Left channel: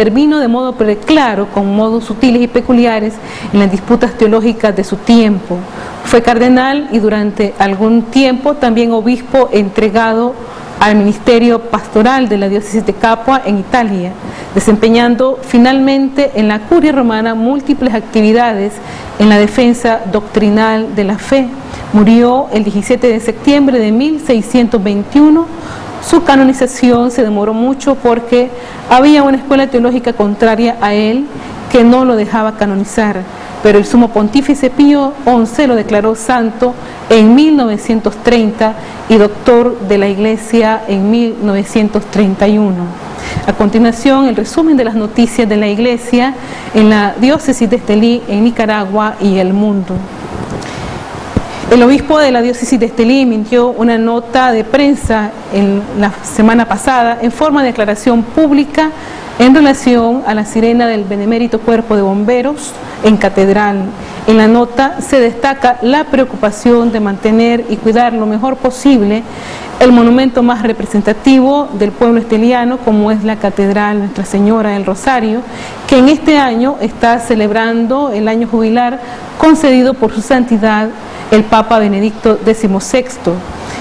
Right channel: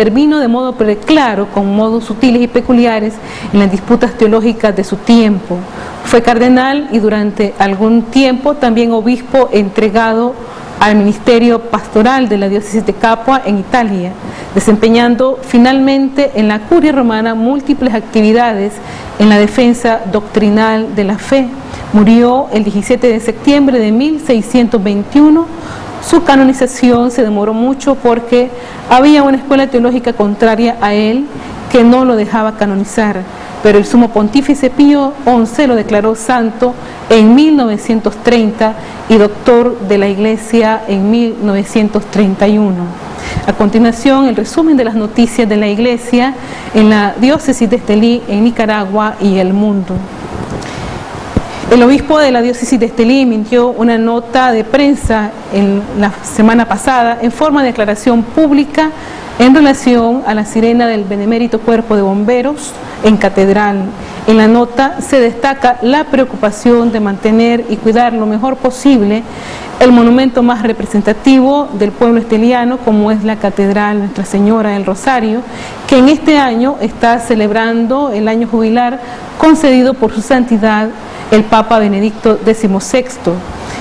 coordina de modo pero claro con nuevos sistemas populares en los distintos periodistas de su tiempo. Esta cardenal, durante algún tiempo, también ha visto entregado al Ministerio Pastoral de la Virgen de Papa en Panamá, desempeñando finalmente una serie de múltiples actividades en la defensa doctrinal de la fe. Murió el 17 de septiembre de 1621. Esta manifestación se demoró mucho porque había una historia política contraria a él que no le dejaba conocer. Por eso la pontífice fue avanzar en el santo en 1930, director de la Iglesia en 1931. A continuación, empezamos las noticias de la Iglesia de la Diócesis de Pelín en Nicaragua y el mundo. A la vista de la Diócesis de Pelín entró una nota de prensa la semana pasada en forma de declaración pública en relación a la semana del movimiento Puerto de Honduras en Catedral. En la nota se destaca la preocupación de mantener y cuidar lo mejor posible al momento más representativo del pueblo italiano como es la Catedral Nuestra Señora del Rosario, que este año está celebrando el año jubilar concedido por su santidad el Papa Benedicto XVI.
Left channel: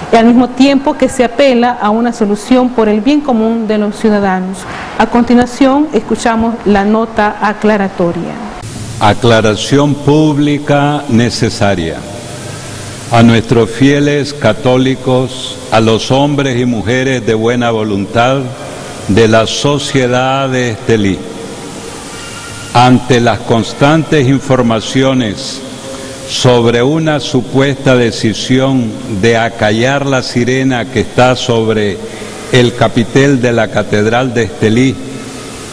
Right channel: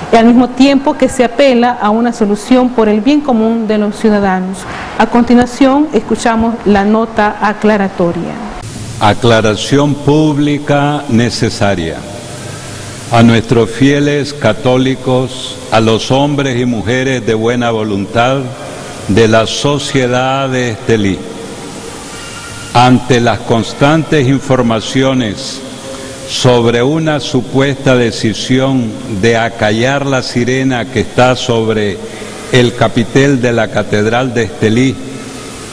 Al mismo tiempo que se apela a una solución por el bien común de los ciudadanos. A continuación, escuchamos la nota aclaratoria. Aclaración pública necesaria. A nuestros fieles católicos, a los hombres y mujeres de buena voluntad de la Sociedad de Estelí. Ante las constantes informaciones sobre una supuesta decisión de acallar la sirena que está sobre el capitel de la Catedral de Estelí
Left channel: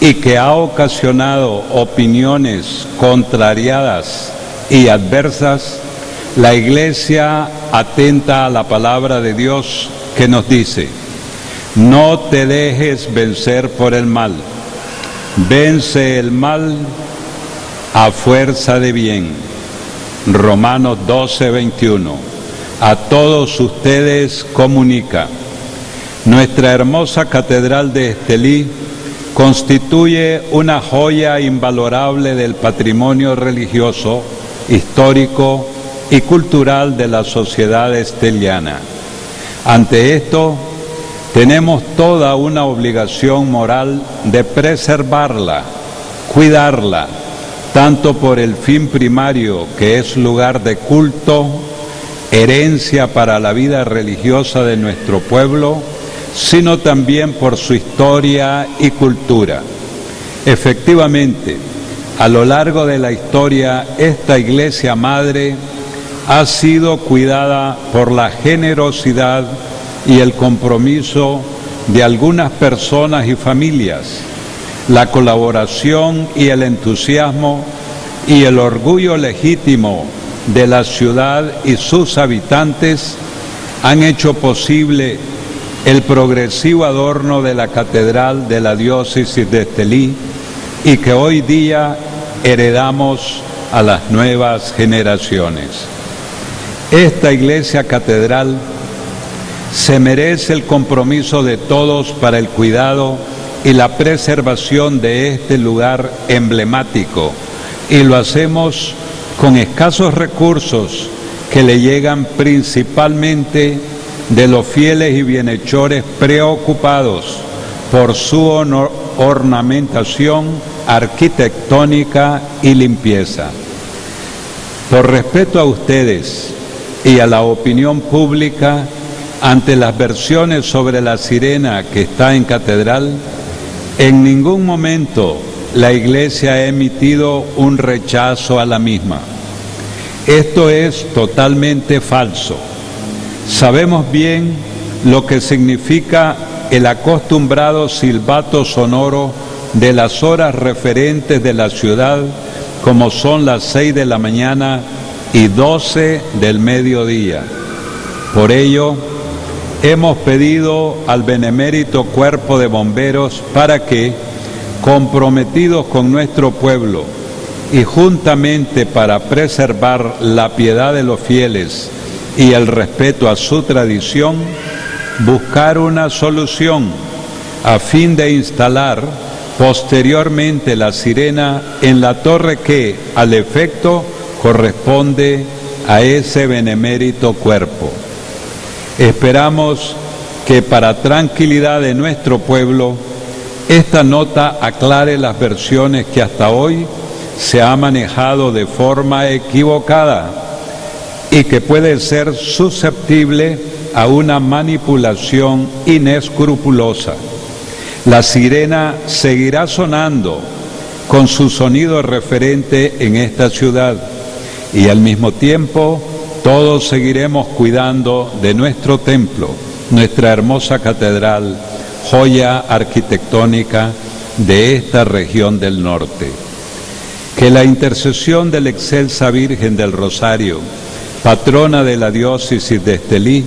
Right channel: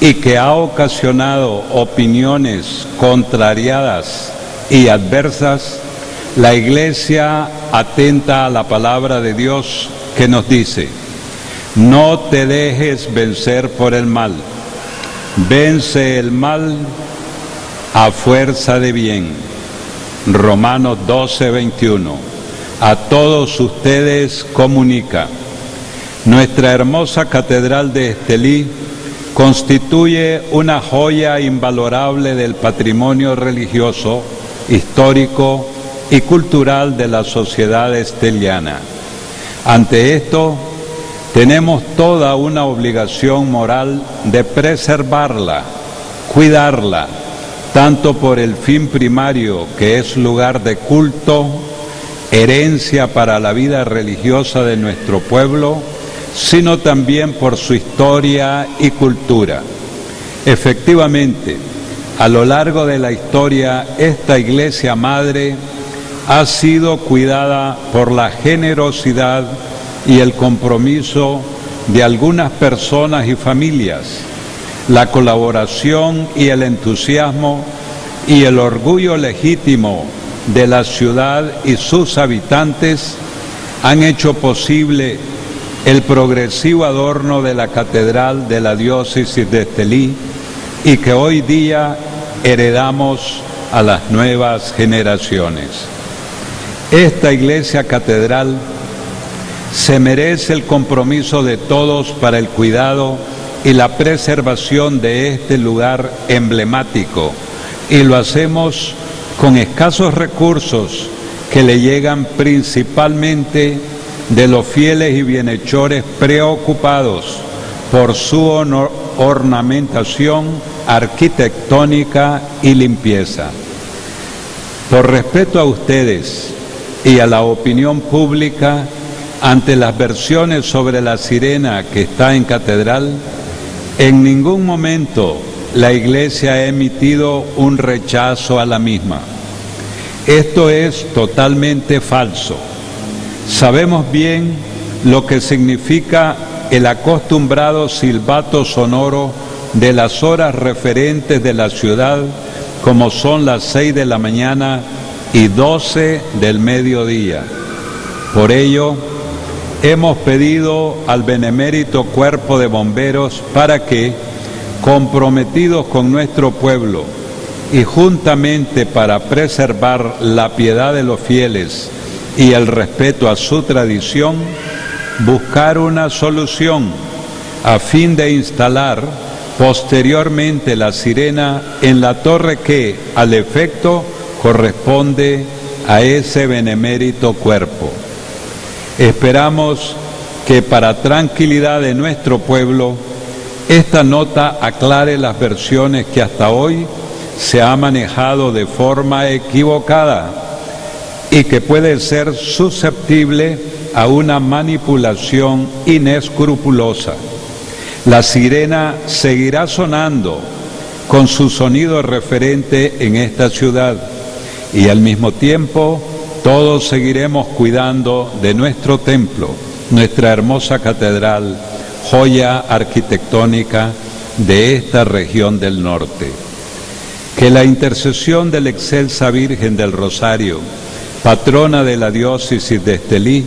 y que ha ocasionado opiniones contrariadas y adversas, la Iglesia atenta a la palabra de Dios que nos dice: no te dejes vencer por el mal, vence el mal a fuerza de bien. Romanos 12:21. A todos ustedes comunica. Nuestra hermosa Catedral de Estelí constituye una joya invalorable del patrimonio religioso, histórico y cultural de la sociedad esteliana. Ante esto, tenemos toda una obligación moral de preservarla, cuidarla, tanto por el fin primario que es lugar de culto, herencia para la vida religiosa de nuestro pueblo, sino también por su historia y cultura. Efectivamente, a lo largo de la historia, esta Iglesia Madre ha sido cuidada por la generosidad y el compromiso de algunas personas y familias, la colaboración y el entusiasmo y el orgullo legítimo de la ciudad y sus habitantes han hecho posible el progresivo adorno de la Catedral de la Diócesis de Estelí y que hoy día heredamos a las nuevas generaciones. Esta Iglesia Catedral se merece el compromiso de todos para el cuidado y la preservación de este lugar emblemático, y lo hacemos con escasos recursos que le llegan principalmente de los fieles y bienhechores preocupados por su ornamentación arquitectónica y limpieza. Por respeto a ustedes y a la opinión pública, ante las versiones sobre la sirena que está en Catedral, en ningún momento la Iglesia ha emitido un rechazo a la misma. Esto es totalmente falso. Sabemos bien lo que significa el acostumbrado silbato sonoro de las horas referentes de la ciudad, como son las 6 de la mañana y 12 del mediodía. Por ello, hemos pedido al benemérito Cuerpo de Bomberos para que, comprometidos con nuestro pueblo y juntamente para preservar la piedad de los fieles y el respeto a su tradición, buscar una solución a fin de instalar posteriormente la sirena en la torre que, al efecto, corresponde a ese benemérito cuerpo. Esperamos que para tranquilidad de nuestro pueblo, esta nota aclare las versiones que hasta hoy se ha manejado de forma equivocada y que puede ser susceptible a una manipulación inescrupulosa. La sirena seguirá sonando con su sonido referente en esta ciudad y al mismo tiempo todos seguiremos cuidando de nuestro templo, nuestra hermosa catedral, joya arquitectónica de esta región del norte. Que la intercesión de la excelsa Virgen del Rosario, patrona de la diócesis de Estelí,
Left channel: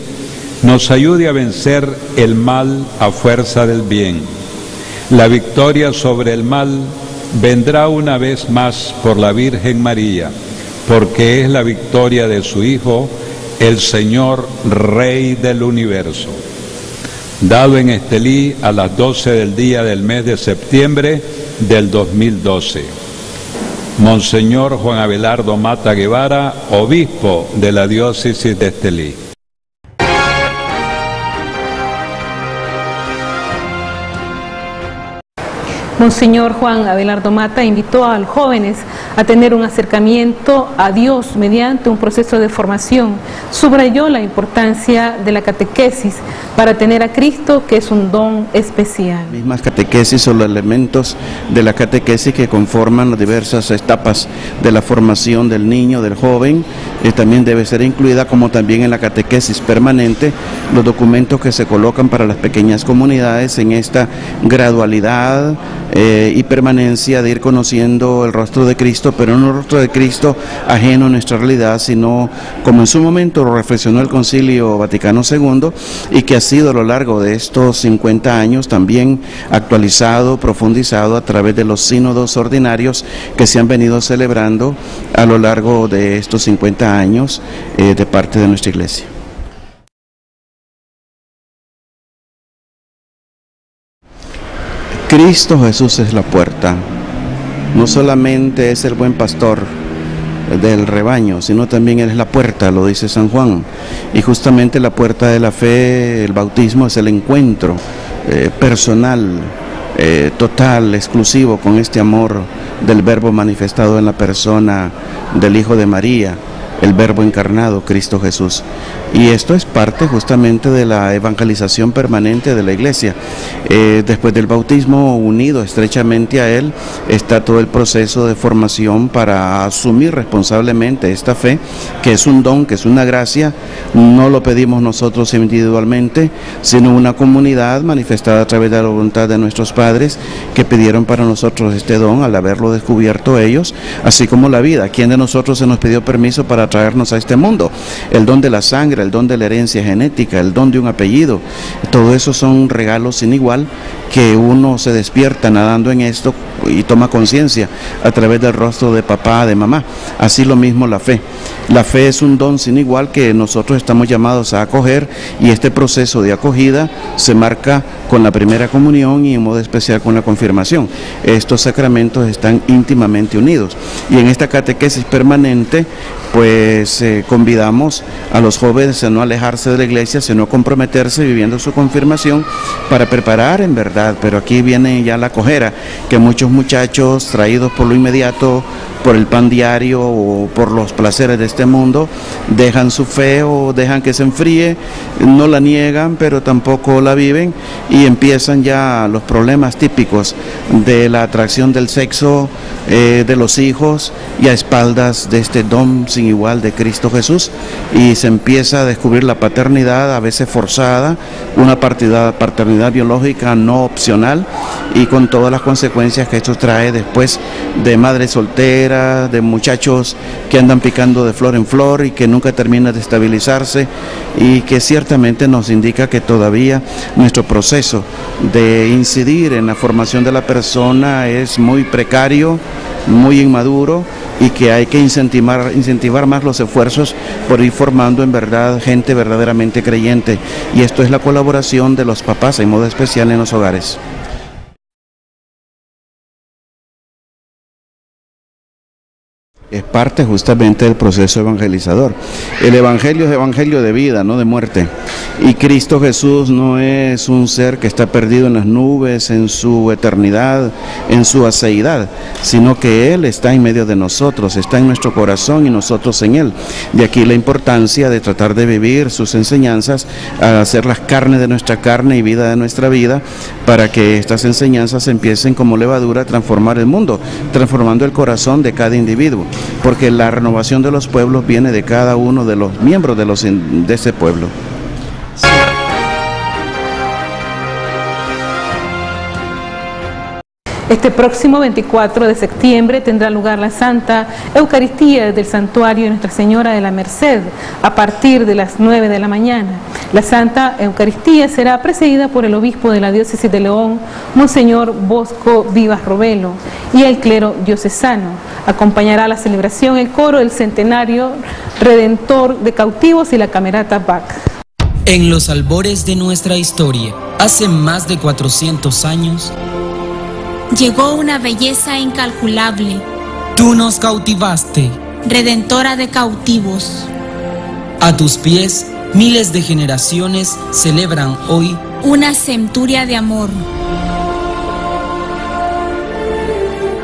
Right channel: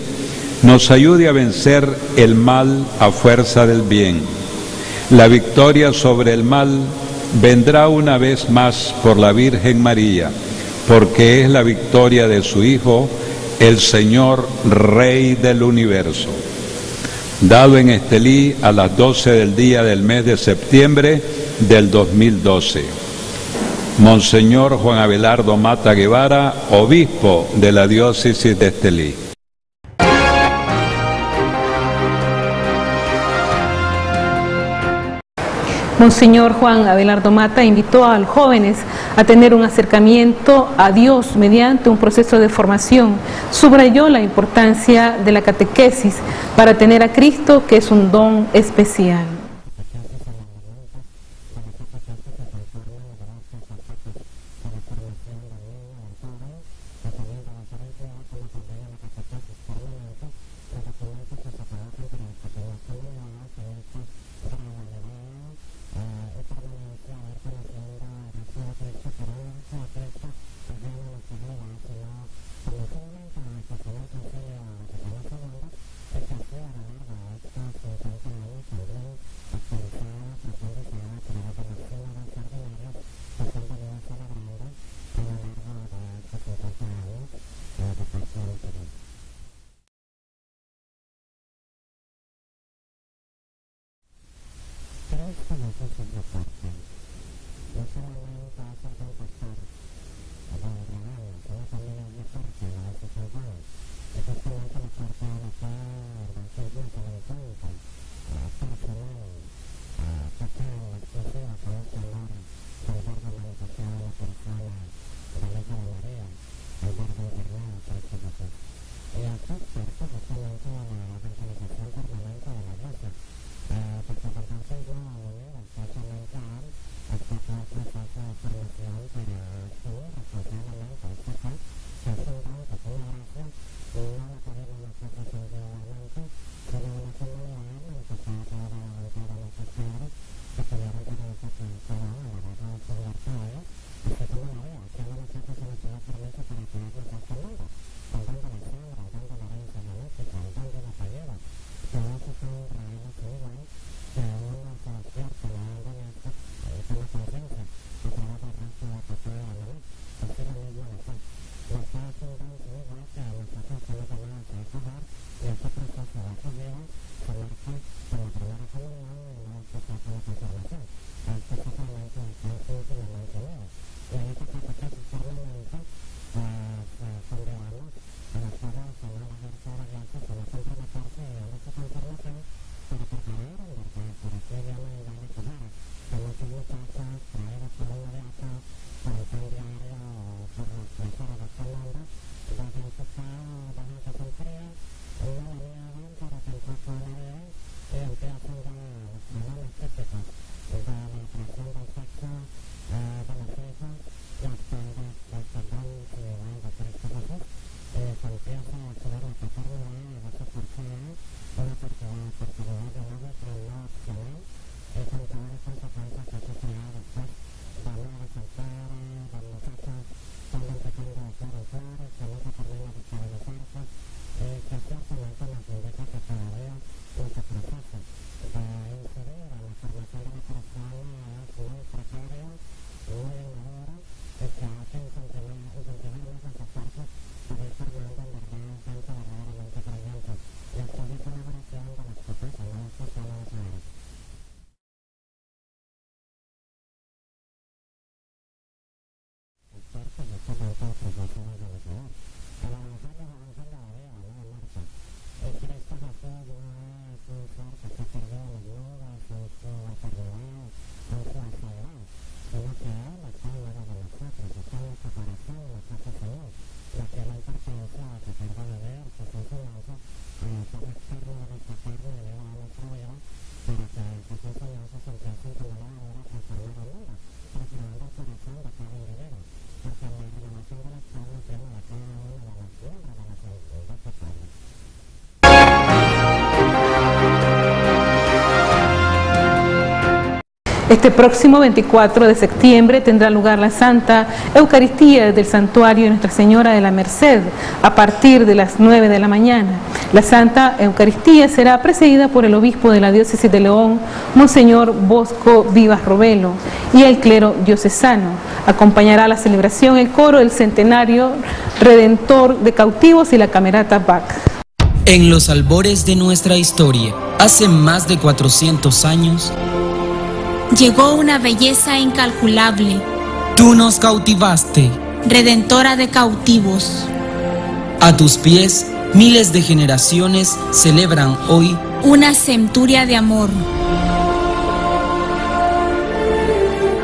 nos ayude a vencer el mal a fuerza del bien. La victoria sobre el mal vendrá una vez más por la Virgen María, porque es la victoria de su Hijo, el Señor Rey del universo. Dado en Estelí a las 12 del día del mes de septiembre del 2012. Monseñor Juan Abelardo Mata Guevara, obispo de la diócesis de Estelí. Mismas catequesis o los elementos de la catequesis que conforman las diversas etapas de la formación del niño, del joven, también debe ser incluida, como también en la catequesis permanente, los documentos que se colocan para las pequeñas comunidades en esta gradualidad y permanencia de ir conociendo el rostro de Cristo, pero no el rostro de Cristo ajeno a nuestra realidad, sino como en su momento lo reflexionó el Concilio Vaticano II y que ha sido a lo largo de estos 50 años también actualizado, profundizado a través de los sínodos ordinarios que se han venido celebrando a lo largo de estos 50 años de parte de nuestra Iglesia. Cristo Jesús es la puerta, no solamente es el buen pastor del rebaño, sino también Él es la puerta, lo dice San Juan, y justamente la puerta de la fe, el bautismo, es el encuentro personal, total, exclusivo con este amor del Verbo manifestado en la persona del Hijo de María, el Verbo encarnado, Cristo Jesús. Y esto es parte justamente de la evangelización permanente de la Iglesia. Después del bautismo, unido estrechamente a Él, está todo el proceso de formación para asumir responsablemente esta fe, que es un don, que es una gracia. No lo pedimos nosotros individualmente, sino una comunidad manifestada a través de la voluntad de nuestros padres, que pidieron para nosotros este don al haberlo descubierto ellos, así como la vida. ¿Quién de nosotros se nos pidió permiso para traernos a este mundo? El don de la sangre, el don de la herencia genética, el don de un apellido, todo eso son regalos sin igual que uno se despierta nadando en esto y toma conciencia a través del rostro de papá, de mamá. Así lo mismo la fe. La fe es un don sin igual que nosotros estamos llamados a acoger, y este proceso de acogida se marca con la primera comunión y en modo especial con la confirmación. Estos sacramentos están íntimamente unidos, y en esta catequesis permanente pues convidamos a los jóvenes a no alejarse de la iglesia, sino comprometerse viviendo su confirmación para preparar en verdad. Pero aquí viene ya la cojera, que muchos muchachos traídos por lo inmediato, por el pan diario o por los placeres de este mundo, dejan su fe o dejan que se enfríe, no la niegan pero tampoco la viven, y empiezan ya los problemas típicos de la atracción del sexo, de los hijos, y a espaldas de este don sin igual de Cristo Jesús, y se empieza a descubrir la paternidad a veces forzada, una paternidad biológica no opcional, y con todas las consecuencias que esto trae después de madres solteras, de muchachos que andan picando de flor en flor y que nunca terminan de estabilizarse, y que ciertamente nos indica que todavía nuestro proceso de incidir en la formación de la persona es muy precario, muy inmaduro, y que hay que incentivar más los esfuerzos por ir formando en verdad gente verdaderamente creyente, y esto es la colaboración de los papás en modo especial en los hogares. Es parte justamente del proceso evangelizador. El evangelio es evangelio de vida, no de muerte. Y Cristo Jesús no es un ser que está perdido en las nubes, en su eternidad, en su aceidad, sino que Él está en medio de nosotros, está en nuestro corazón y nosotros en Él. De aquí la importancia de tratar de vivir sus enseñanzas, hacerlas carne de nuestra carne y vida de nuestra vida, para que estas enseñanzas empiecen como levadura a transformar el mundo, transformando el corazón de cada individuo. Porque la renovación de los pueblos viene de cada uno de los miembros de ese pueblo. En los albores de nuestra historia, hace más de 400 años, llegó una belleza incalculable. Tú nos cautivaste, Redentora de cautivos. A tus pies, miles de generaciones celebran hoy una centuria de amor.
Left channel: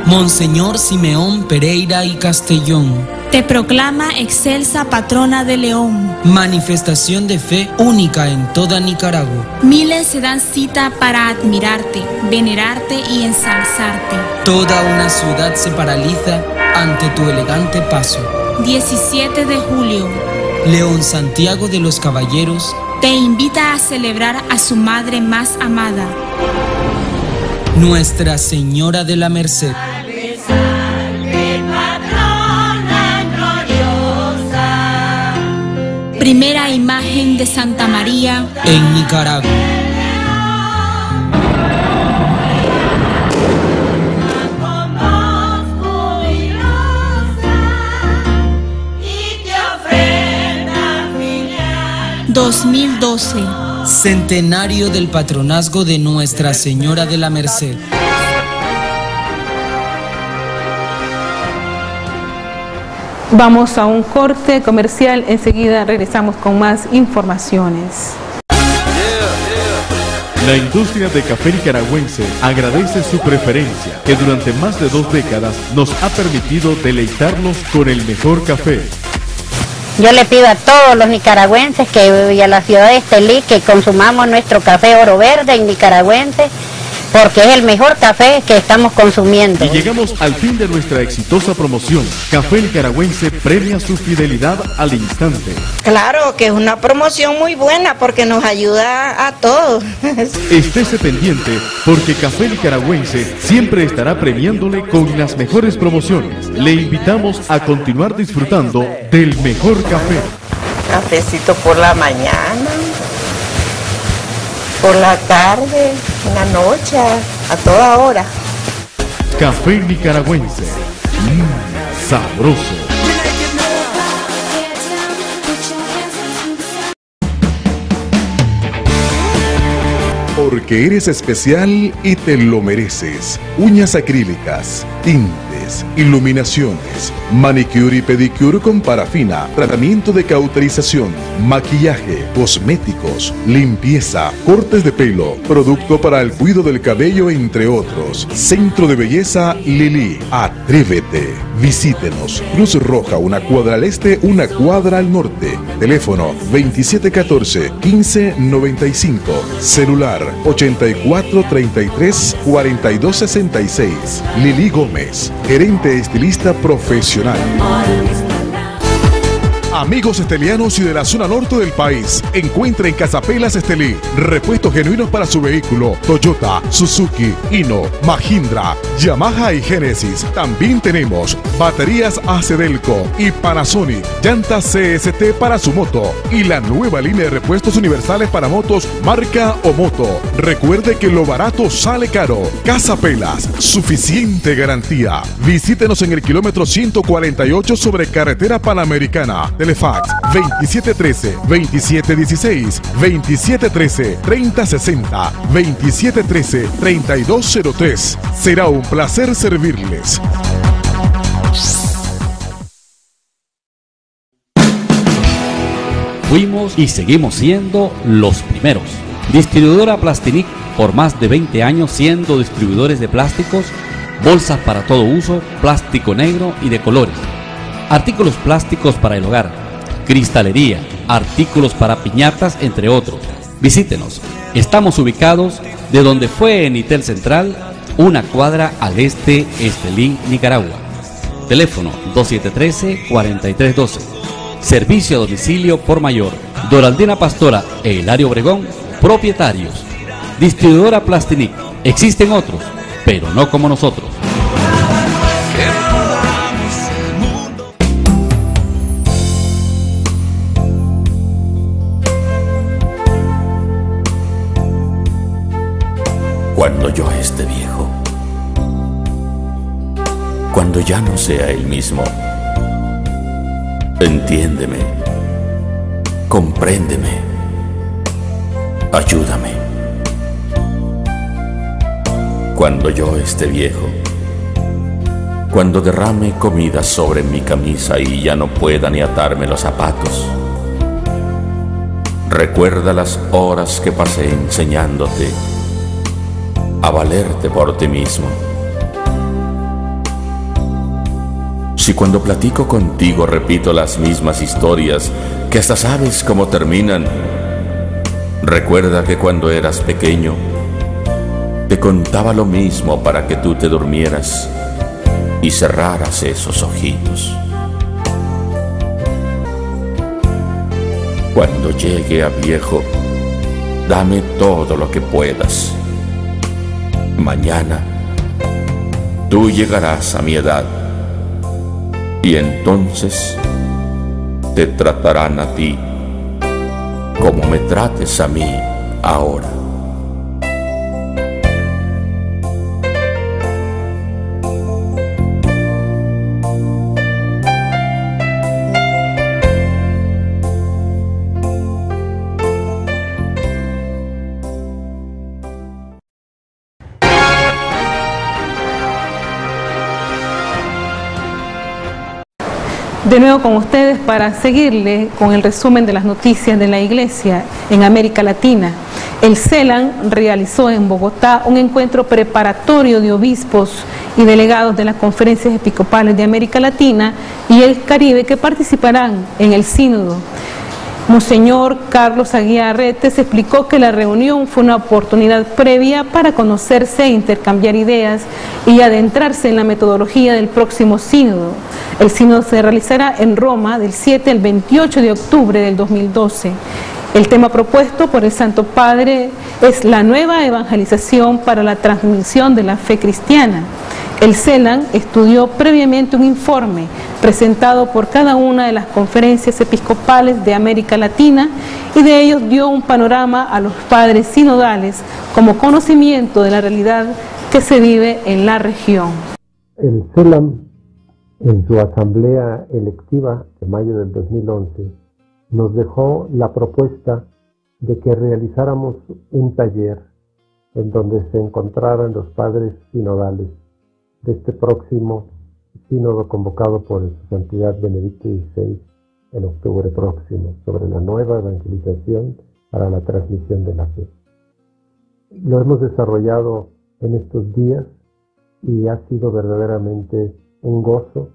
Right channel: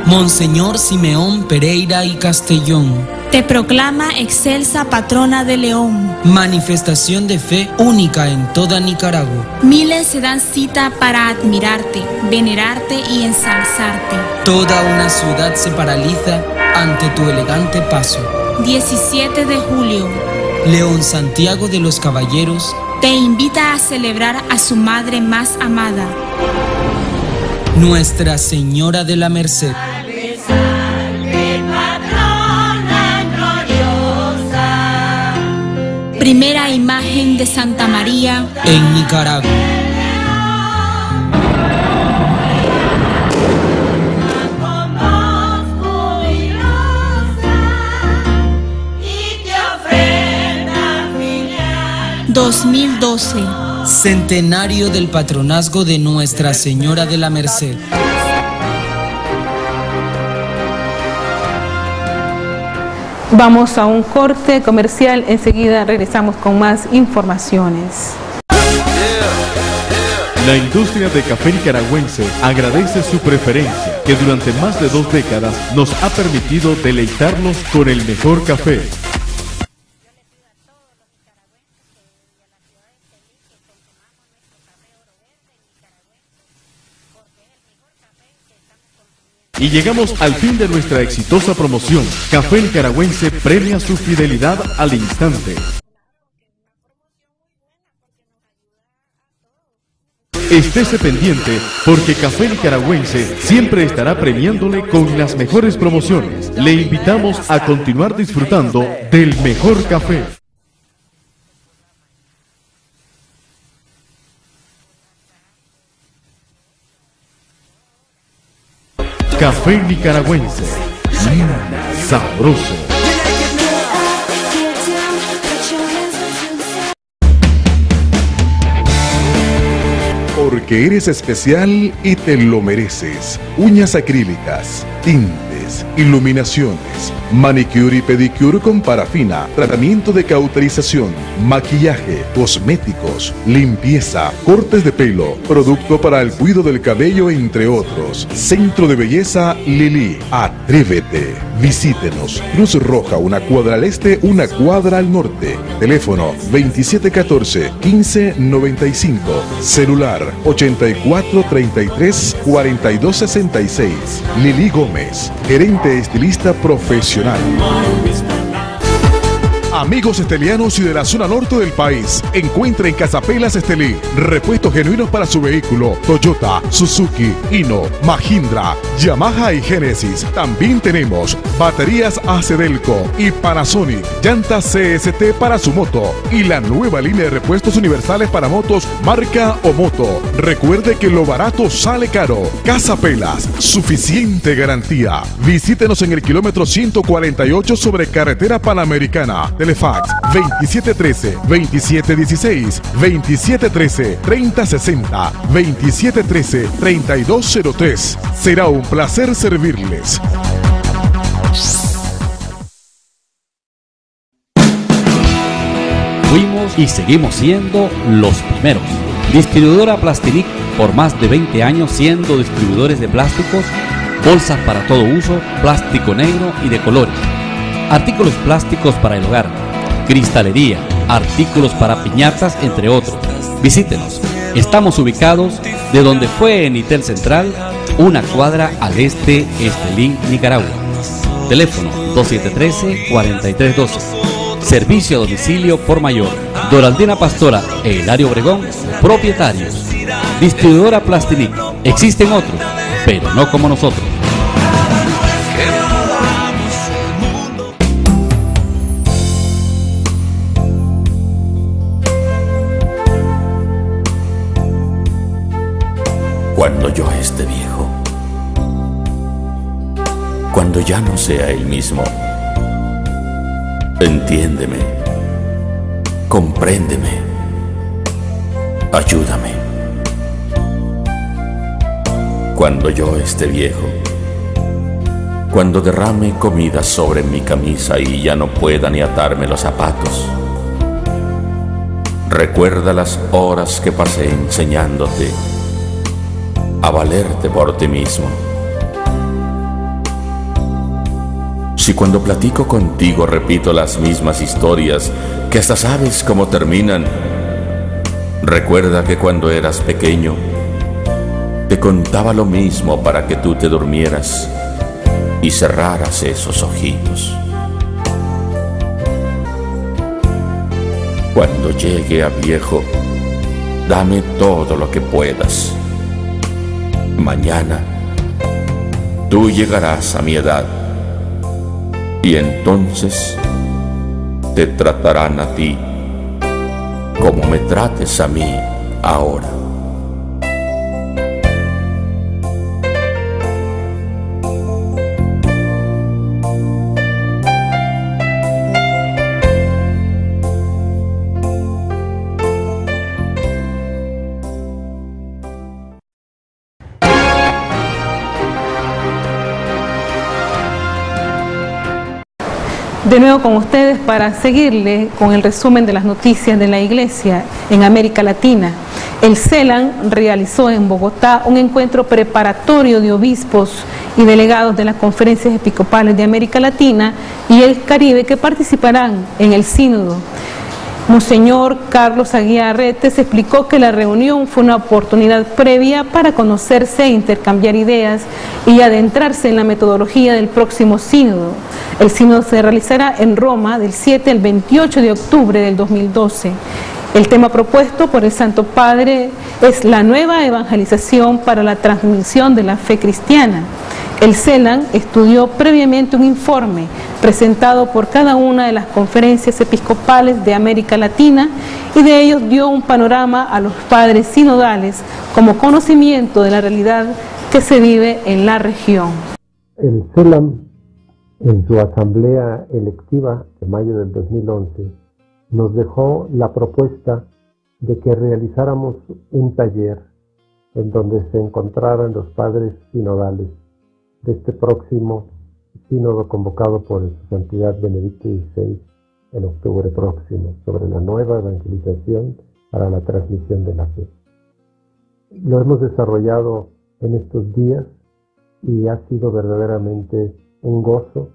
Monseñor Simeón Pereira y Castellón te proclama excelsa patrona de León. Manifestación de fe única en toda Nicaragua. Miles se dan cita para admirarte, venerarte y ensalzarte. Toda una ciudad se paraliza ante tu elegante paso. 17 de julio. León Santiago de los Caballeros te invita a celebrar a su madre más amada, Nuestra Señora de la Merced. Primera imagen de Santa María en Nicaragua. ...2012... Centenario del patronazgo de Nuestra Señora de la Merced. La industria de café nicaragüense agradece su preferencia, que durante más de 2 décadas nos ha permitido deleitarlos con el mejor café. Yo le pido a todos los nicaragüenses y a la ciudad de Estelí que consumamos nuestro café Oro Verde nicaragüense, porque es el mejor café que estamos consumiendo. Y llegamos al fin de nuestra exitosa promoción. Café Nicaragüense premia su fidelidad al instante. Claro que es una promoción muy buena porque nos ayuda a todos. Estése pendiente porque Café Nicaragüense siempre estará premiándole con las mejores promociones. Le invitamos a continuar disfrutando del mejor café. Cafecito por la mañana, por la tarde, en la noche, a toda hora. Café Nicaragüense. Sabroso. Porque eres especial y te lo mereces. Uñas acrílicas, tintes, iluminaciones, manicure y pedicure con parafina, tratamiento de cauterización, maquillaje, cosméticos, limpieza, cortes de pelo, producto para el cuidado del cabello, entre otros. Centro de Belleza Lili. Atrévete. Visítenos. Cruz Roja, 1 cuadra al este, 1 cuadra al norte. Teléfono 2714-1595. Celular 8433-4266. Lili Gómez, gerente estilista profesional. Amigos estelianos y de la zona norte del país, encuentra en Casapelas Estelí repuestos genuinos para su vehículo: Toyota, Suzuki, Hino, Mahindra, Yamaha y Genesis. También tenemos baterías Acedelco y Panasonic, llantas CST para su moto y la nueva línea de repuestos universales para motos marca Omoto. Recuerde que lo barato sale caro. Casapelas, suficiente garantía. Visítenos en el kilómetro 148 sobre carretera Panamericana. Telefax 2713-2716, 2713-3060, 2713-3203. Será un placer servirles. Fuimos y seguimos siendo los primeros. Distribuidora Plastinic, por más de 20 años siendo distribuidores de plásticos, bolsas para todo uso, plástico negro y de colores, artículos plásticos para el hogar, cristalería, artículos para piñatas, entre otros. Visítenos. Estamos ubicados de donde fue Enitel Central, una cuadra al este, Estelí, Nicaragua. Teléfono 2713-4312. Servicio a domicilio por mayor. Doraldina Pastora e Hilario Obregón, propietarios. Distribuidora Plastinic. Existen otros, pero no como nosotros. Cuando yo esté viejo, cuando ya no sea el mismo, entiéndeme, compréndeme, ayúdame. Cuando yo esté viejo, cuando derrame comida sobre mi camisa y ya no pueda ni atarme los zapatos, recuerda las horas que pasé enseñándote a valerte por ti mismo. Si cuando platico contigo repito las mismas historias que hasta sabes cómo terminan, recuerda que cuando eras pequeño te contaba lo mismo para que tú te durmieras y cerraras esos ojitos. Cuando llegue a viejo, dame todo lo que puedas. Mañana tú llegarás a mi edad y entonces te tratarán a ti como me trates a mí ahora. El CELAM, en su asamblea electiva de mayo del 2011, nos dejó la propuesta de que realizáramos un taller en donde se encontraran los padres sinodales de este próximo sínodo convocado por Su Santidad Benedicto XVI en octubre próximo, sobre la nueva evangelización para la transmisión de la fe. Lo hemos desarrollado en estos días y ha sido verdaderamente un gozo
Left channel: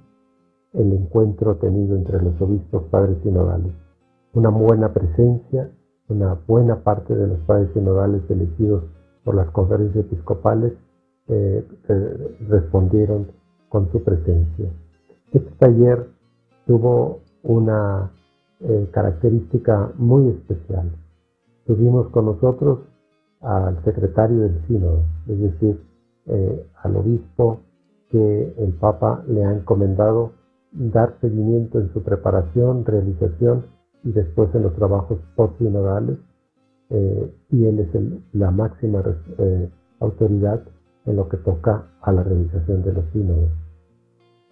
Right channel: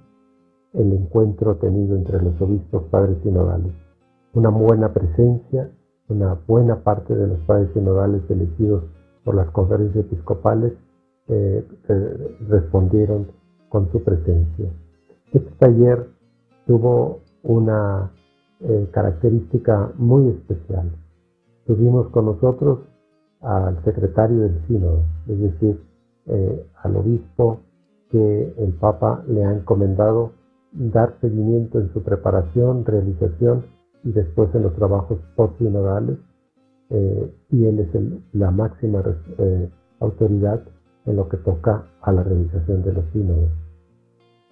el encuentro tenido entre los obispos padres sinodales. Una buena presencia, una buena parte de los padres sinodales elegidos por las conferencias episcopales respondieron con su presencia. Este taller tuvo una característica muy especial. Tuvimos con nosotros al secretario del sínodo, es decir, al obispo que el Papa le ha encomendado dar seguimiento en su preparación, realización y después en los trabajos post-sinodales, y él es la máxima autoridad en lo que toca a la realización de los sínodos.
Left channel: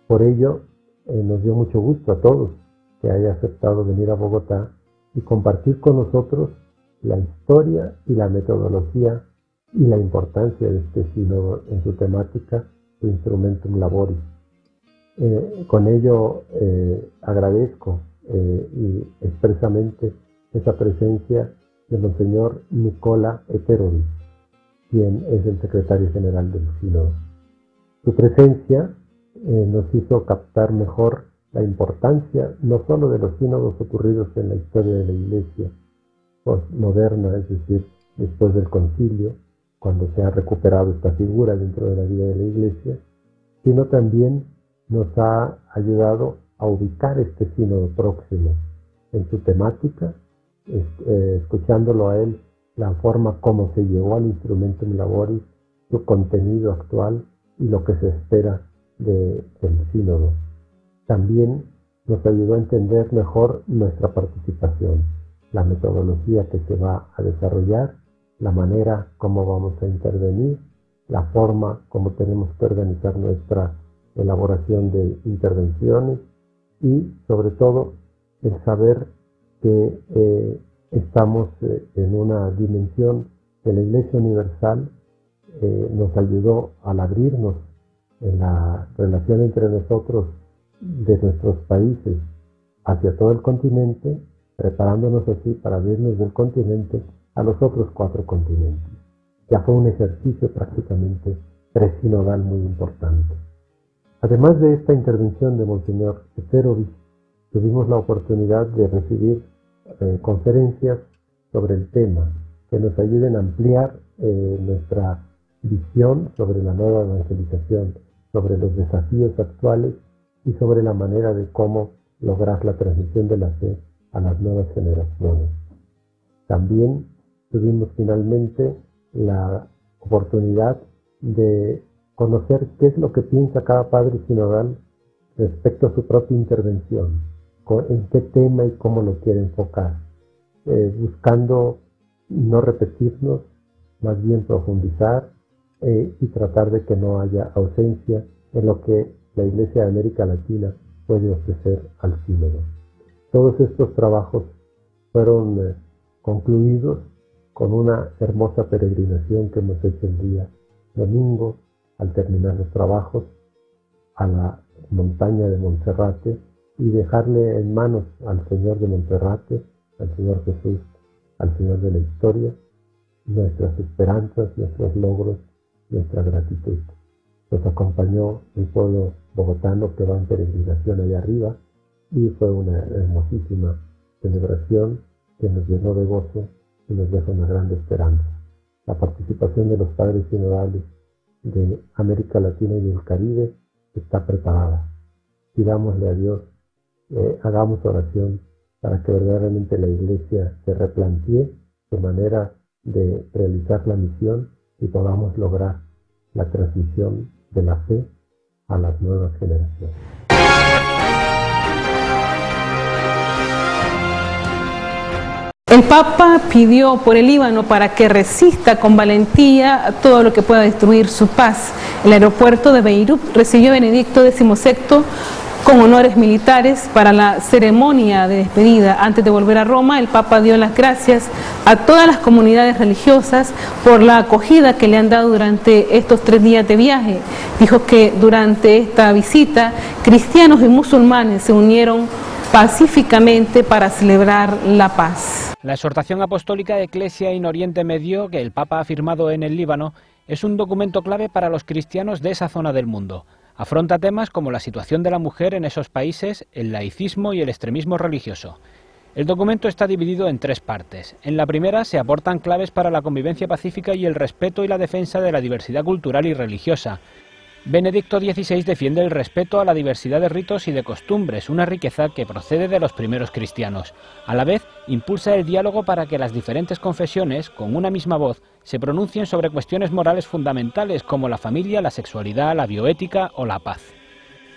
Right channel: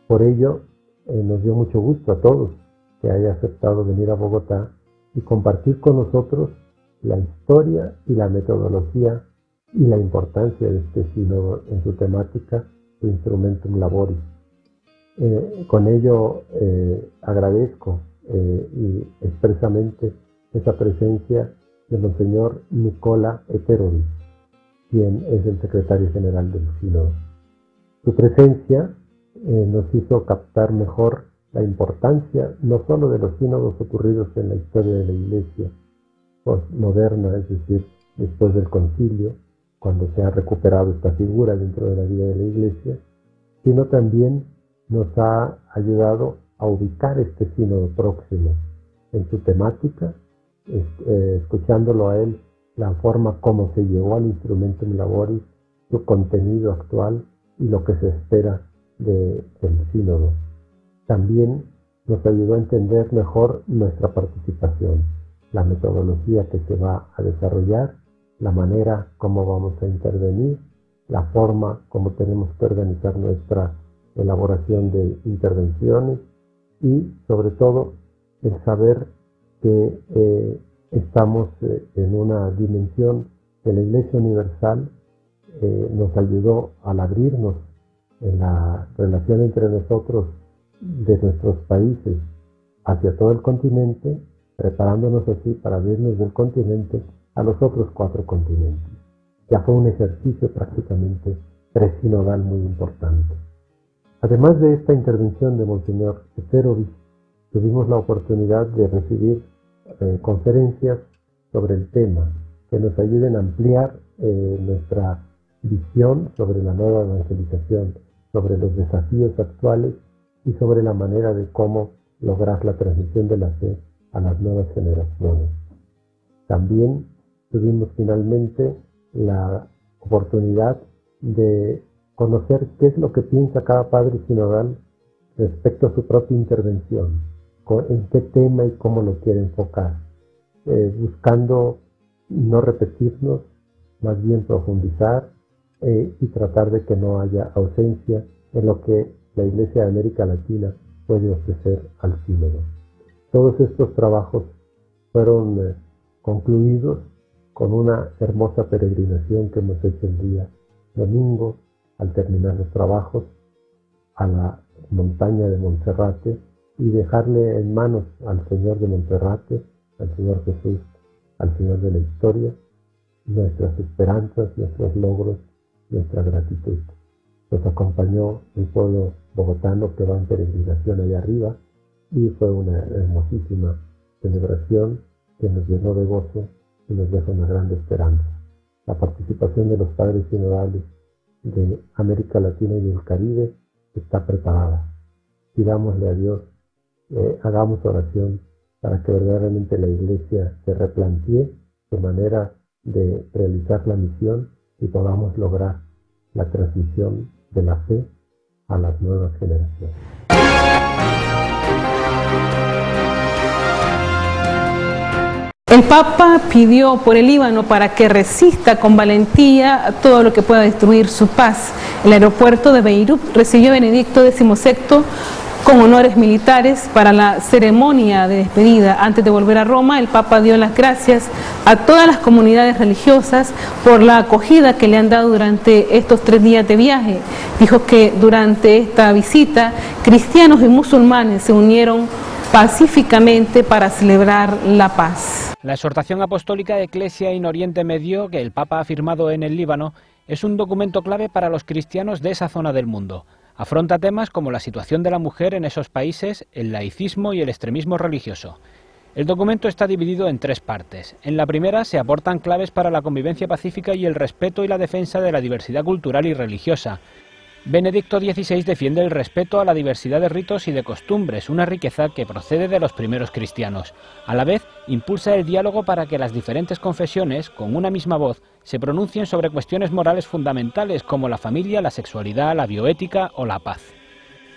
Por ello, nos dio mucho gusto a todos que haya aceptado venir a Bogotá y compartir con nosotros la historia y la metodología y la importancia de este sínodo en su temática, su Instrumentum Laboris. Con ello agradezco y expresamente esa presencia de Monseñor Nicola Eterovic, quien es el secretario general del sínodo. Su presencia nos hizo captar mejor la importancia no solo de los sínodos ocurridos en la historia de la Iglesia postmoderna, es decir, después del concilio, cuando se ha recuperado esta figura dentro de la vida de la Iglesia, sino también nos ha ayudado a ubicar este sínodo próximo en su temática, escuchándolo a él, la forma como se llegó al Instrumentum Laboris, su contenido actual y lo que se espera del sínodo. También nos ayudó a entender mejor nuestra participación, la metodología que se va a desarrollar, la manera como vamos a intervenir, la forma como tenemos que organizar nuestra elaboración de intervenciones y, sobre todo, el saber que estamos en una dimensión que la Iglesia Universal nos ayudó al abrirnos en la relación entre nosotros de nuestros países hacia todo el continente, preparándonos así para abrirnos del continente a los otros 4 continentes. Ya fue un ejercicio prácticamente presinodal muy importante. Además de esta intervención de Monseñor Eterovic, tuvimos la oportunidad de recibir conferencias sobre el tema que nos ayuden a ampliar nuestra visión sobre la nueva evangelización, sobre los desafíos actuales y sobre la manera de cómo lograr la transmisión de la fe a las nuevas generaciones. También tuvimos finalmente la oportunidad de conocer qué es lo que piensa cada padre sinodal respecto a su propia intervención, en qué tema y cómo lo quiere enfocar, buscando no repetirnos, más bien profundizar y tratar de que no haya ausencia en lo que la Iglesia de América Latina puede ofrecer al sínodo. Todos estos trabajos fueron concluidos con una hermosa peregrinación que hemos hecho el día domingo, al terminar los trabajos, a la montaña de Monserrate y dejarle en manos al Señor de Monserrate, al Señor Jesús, al Señor de la historia, nuestras esperanzas, nuestros logros, nuestra gratitud. Nos acompañó el pueblo bogotano que va en peregrinación allá arriba y fue una hermosísima celebración que nos llenó de gozo y nos deja una gran esperanza. La participación de los padres sinodales de América Latina y del Caribe está preparada. Pidámosle a Dios, hagamos oración para que verdaderamente la Iglesia se replantee su manera de realizar la misión y podamos lograr la transmisión de la fe a las nuevas generaciones. La exhortación apostólica de Ecclesia in Oriente Medio, que el Papa ha firmado en el Líbano, es un documento clave para los cristianos de esa zona del mundo. Afronta temas como la situación de la mujer en esos países, el laicismo y el extremismo religioso. El documento está dividido en 3 partes. En la primera se aportan claves para la convivencia pacífica y el respeto y la defensa de la diversidad cultural y religiosa. Benedicto XVI defiende el respeto a la diversidad de ritos y de costumbres, una riqueza que procede de los primeros cristianos. A la vez, impulsa el diálogo para que las diferentes confesiones, con una misma voz, se pronuncien sobre cuestiones morales fundamentales como la familia, la sexualidad, la bioética o la paz.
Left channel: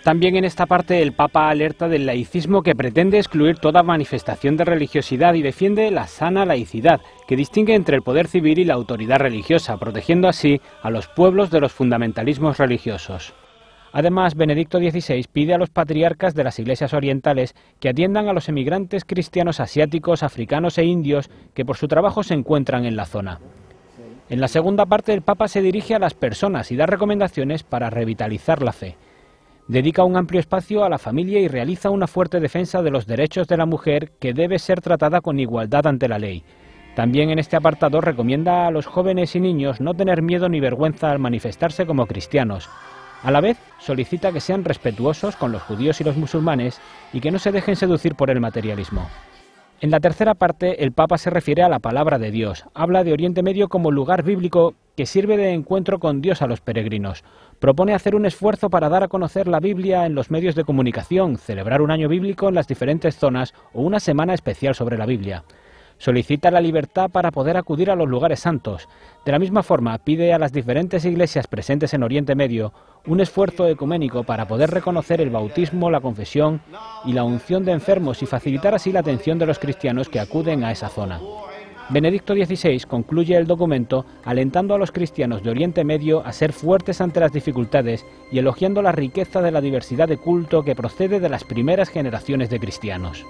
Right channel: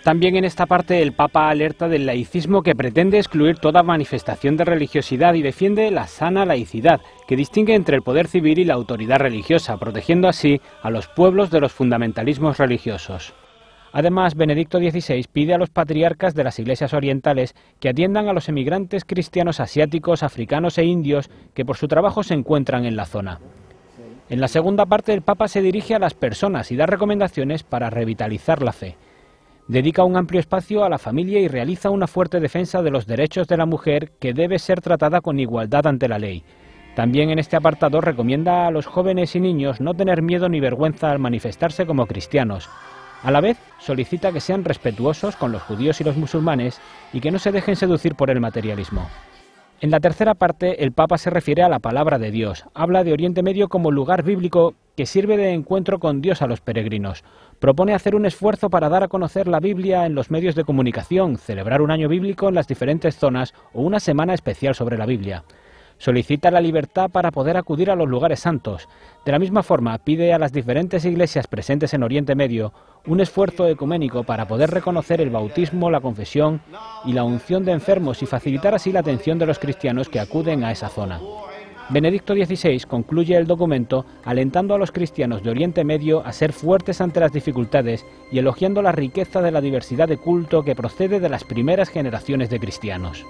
También en esta parte el Papa alerta del laicismo que pretende excluir toda manifestación de religiosidad y defiende la sana laicidad, que distingue entre el poder civil y la autoridad religiosa, protegiendo así a los pueblos de los fundamentalismos religiosos. Además, Benedicto XVI pide a los patriarcas de las iglesias orientales que atiendan a los emigrantes cristianos asiáticos, africanos e indios que por su trabajo se encuentran en la zona. En la segunda parte el Papa se dirige a las personas y da recomendaciones para revitalizar la fe. Dedica un amplio espacio a la familia y realiza una fuerte defensa de los derechos de la mujer, que debe ser tratada con igualdad ante la ley. También en este apartado recomienda a los jóvenes y niños no tener miedo ni vergüenza al manifestarse como cristianos. A la vez, solicita que sean respetuosos con los judíos y los musulmanes y que no se dejen seducir por el materialismo. En la tercera parte, el Papa se refiere a la palabra de Dios. Habla de Oriente Medio como lugar bíblico que sirve de encuentro con Dios a los peregrinos. Propone hacer un esfuerzo para dar a conocer la Biblia en los medios de comunicación, celebrar un año bíblico en las diferentes zonas o una semana especial sobre la Biblia. Solicita la libertad para poder acudir a los lugares santos. De la misma forma, pide a las diferentes iglesias presentes en Oriente Medio un esfuerzo ecuménico para poder reconocer el bautismo, la confesión y la unción de enfermos y facilitar así la atención de los cristianos que acuden a esa zona. Benedicto XVI concluye el documento alentando a los cristianos de Oriente Medio a ser fuertes ante las dificultades y elogiando la riqueza de la diversidad de culto que procede de las primeras generaciones de cristianos.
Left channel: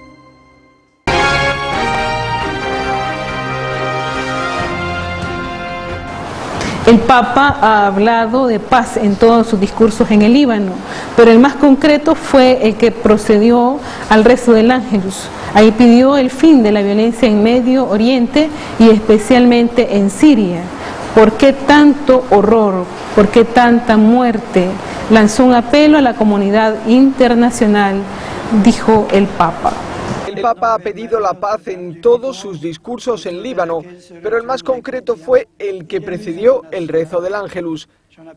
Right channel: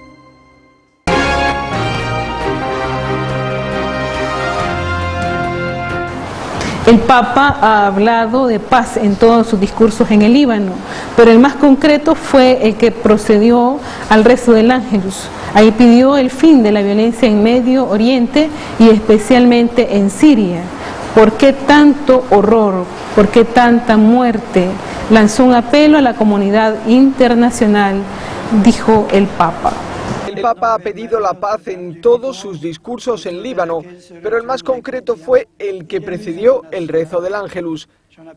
El Papa ha pedido la paz en todos sus discursos en Líbano, pero el más concreto fue el que precedió el rezo del Ángelus.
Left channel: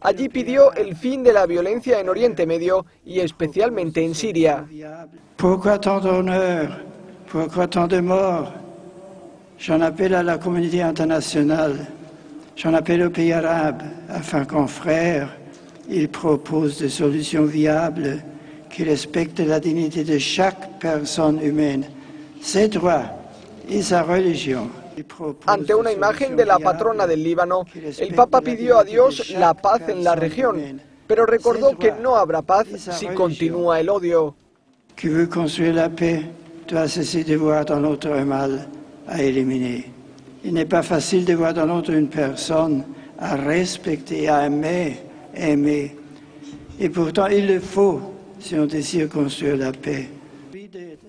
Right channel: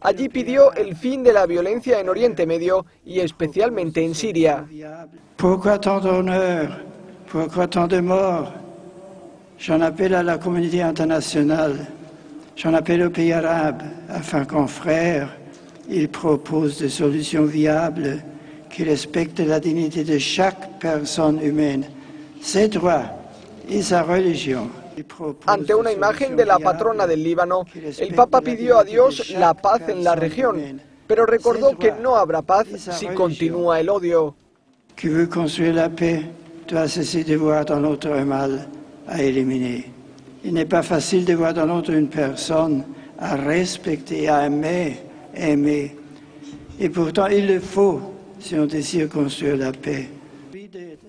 Allí pidió el fin de la violencia en Oriente Medio y especialmente en Siria. Pourquoi tant d'honneur? Pourquoi tant de morts? J'en appelle à la communauté internationale, j'en appelle aux pays arabes, afin qu'en frères, ils proposent des solutions viables qui respectent la dignité de chaque personne humaine, ses droits y sa religion. Ante una imagen de la patrona del Líbano, el Papa pidió a Dios la paz en la región, pero recordó que no habrá paz si continúa el odio. Qui veut construire la paix doit cesser de voir dans l'autre un mal à éliminer. Il n'est pas facile de voir dans l'autre une personne à respecter, à aimer. Et pourtant, il le faut si on désire construire la paix.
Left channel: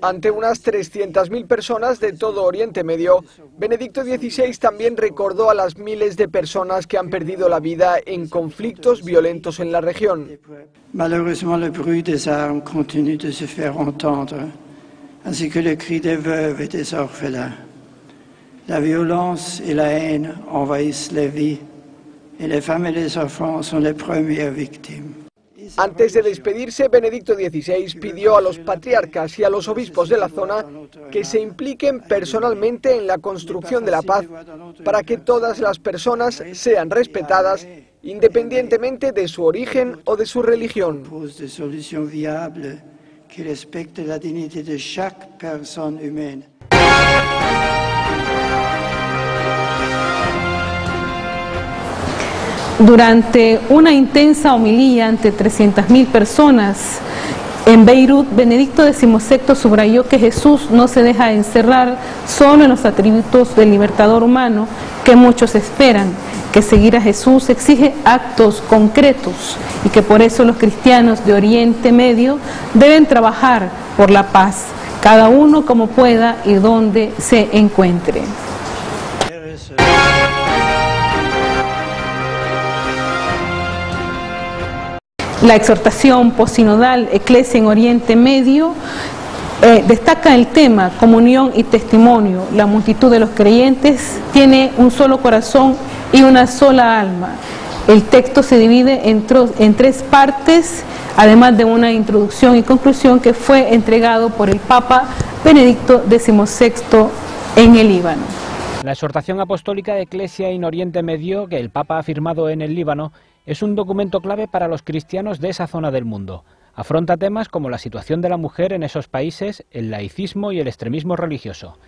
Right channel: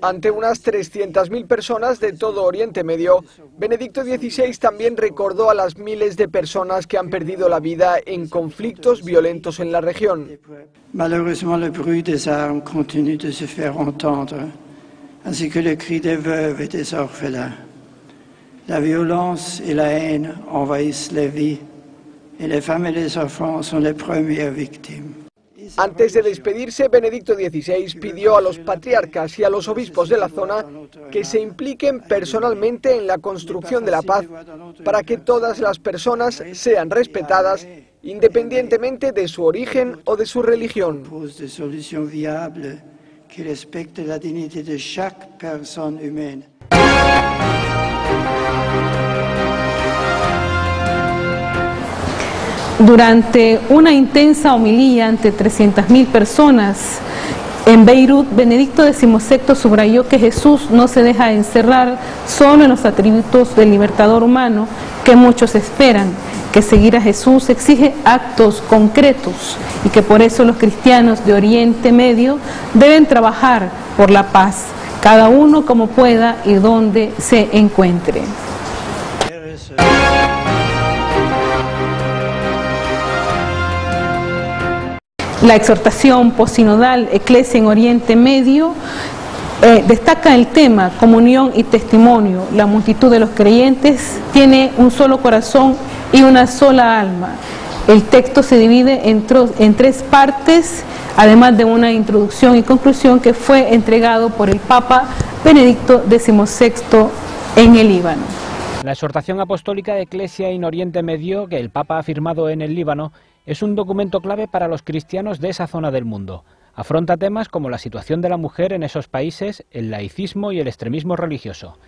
Ante unas 300.000 personas de todo Oriente Medio, Benedicto XVI también recordó a las miles de personas que han perdido la vida en conflictos violentos en la región. Malheureusement, le bruit des armes continue de se faire entendre, ainsi que le cri des veuves et des orphelins. La violence et la haine envahissent les vies, et les femmes et les enfants sont les premières victimes. Antes de despedirse, Benedicto XVI pidió a los patriarcas y a los obispos de la zona que se impliquen personalmente en la construcción de la paz para que todas las personas sean respetadas independientemente de su origen o de su religión. Des solutions viables qui respectent la dignité de chaque personne humaine. Chers frères et sœurs, La exhortación apostólica de Ecclesia in Oriente Medio, que el Papa ha firmado en el Líbano, es un documento clave para los cristianos de esa zona del mundo. Afronta temas como la situación de la mujer en esos países, el laicismo y el extremismo religioso.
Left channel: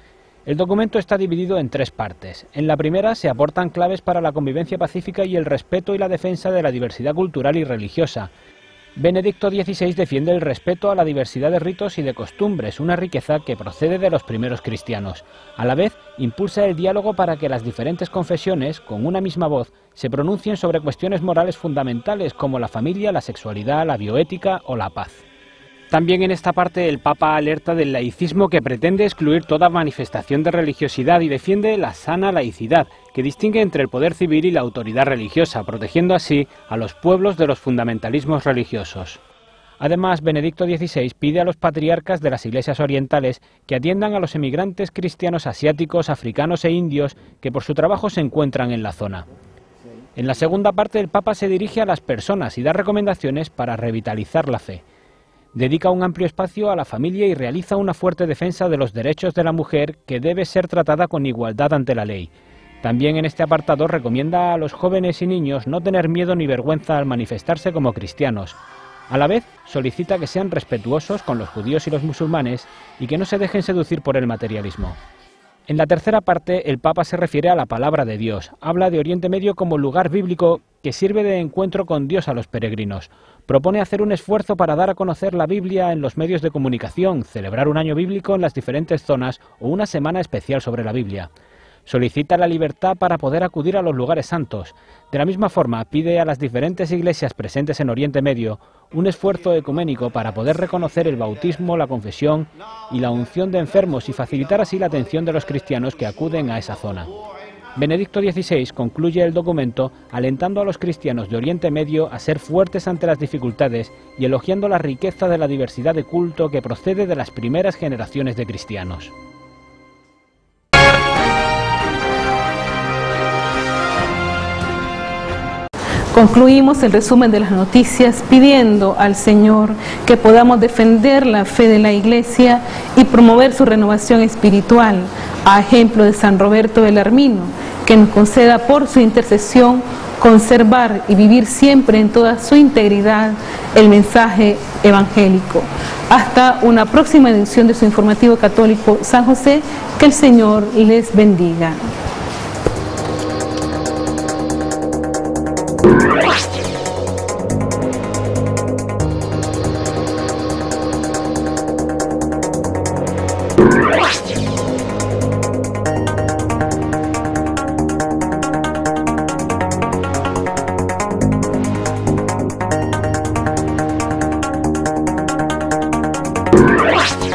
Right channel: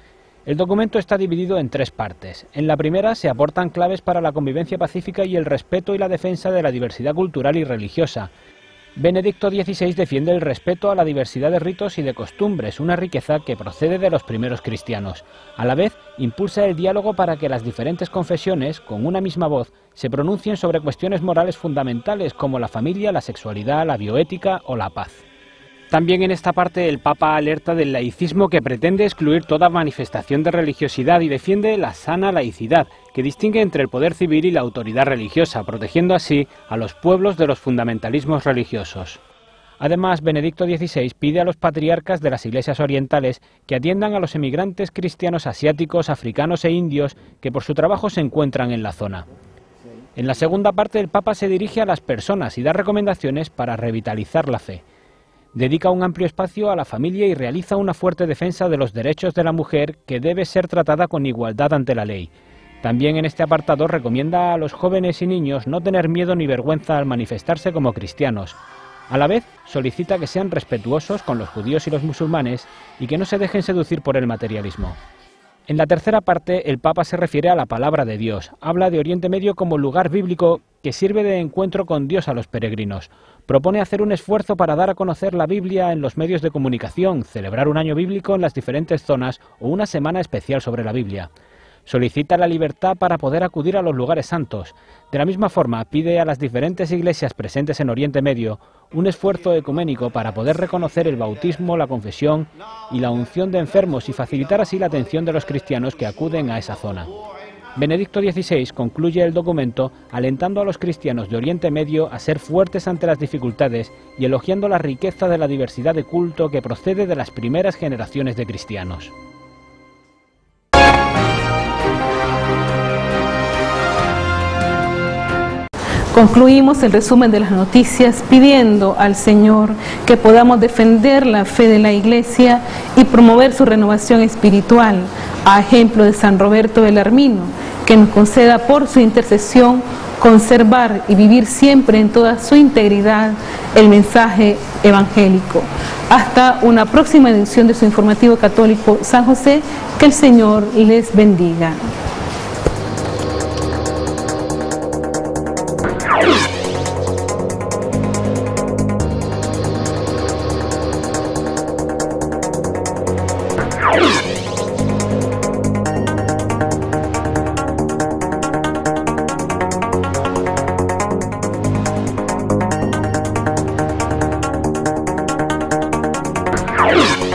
El documento está dividido en 3 partes. En la primera se aportan claves para la convivencia pacífica y el respeto y la defensa de la diversidad cultural y religiosa. Benedicto XVI defiende el respeto a la diversidad de ritos y de costumbres, una riqueza que procede de los primeros cristianos. A la vez, impulsa el diálogo para que las diferentes confesiones, con una misma voz, se pronuncien sobre cuestiones morales fundamentales como la familia, la sexualidad, la bioética o la paz. También en esta parte el Papa alerta del laicismo que pretende excluir toda manifestación de religiosidad y defiende la sana laicidad, que distingue entre el poder civil y la autoridad religiosa, protegiendo así a los pueblos de los fundamentalismos religiosos. Además, Benedicto XVI pide a los patriarcas de las iglesias orientales que atiendan a los emigrantes cristianos asiáticos, africanos e indios que por su trabajo se encuentran en la zona. En la segunda parte el Papa se dirige a las personas y da recomendaciones para revitalizar la fe. Dedica un amplio espacio a la familia y realiza una fuerte defensa de los derechos de la mujer que debe ser tratada con igualdad ante la ley. También en este apartado recomienda a los jóvenes y niños no tener miedo ni vergüenza al manifestarse como cristianos. A la vez, solicita que sean respetuosos con los judíos y los musulmanes y que no se dejen seducir por el materialismo. En la tercera parte, el Papa se refiere a la palabra de Dios. Habla de Oriente Medio como lugar bíblico que sirve de encuentro con Dios a los peregrinos. Propone hacer un esfuerzo para dar a conocer la Biblia en los medios de comunicación, celebrar un año bíblico en las diferentes zonas o una semana especial sobre la Biblia. Solicita la libertad para poder acudir a los lugares santos. De la misma forma, pide a las diferentes iglesias presentes en Oriente Medio un esfuerzo ecuménico para poder reconocer el bautismo, la confesión y la unción de enfermos y facilitar así la atención de los cristianos que acuden a esa zona. Benedicto XVI concluye el documento alentando a los cristianos de Oriente Medio a ser fuertes ante las dificultades y elogiando la riqueza de la diversidad de culto que procede de las primeras generaciones de cristianos. Yes.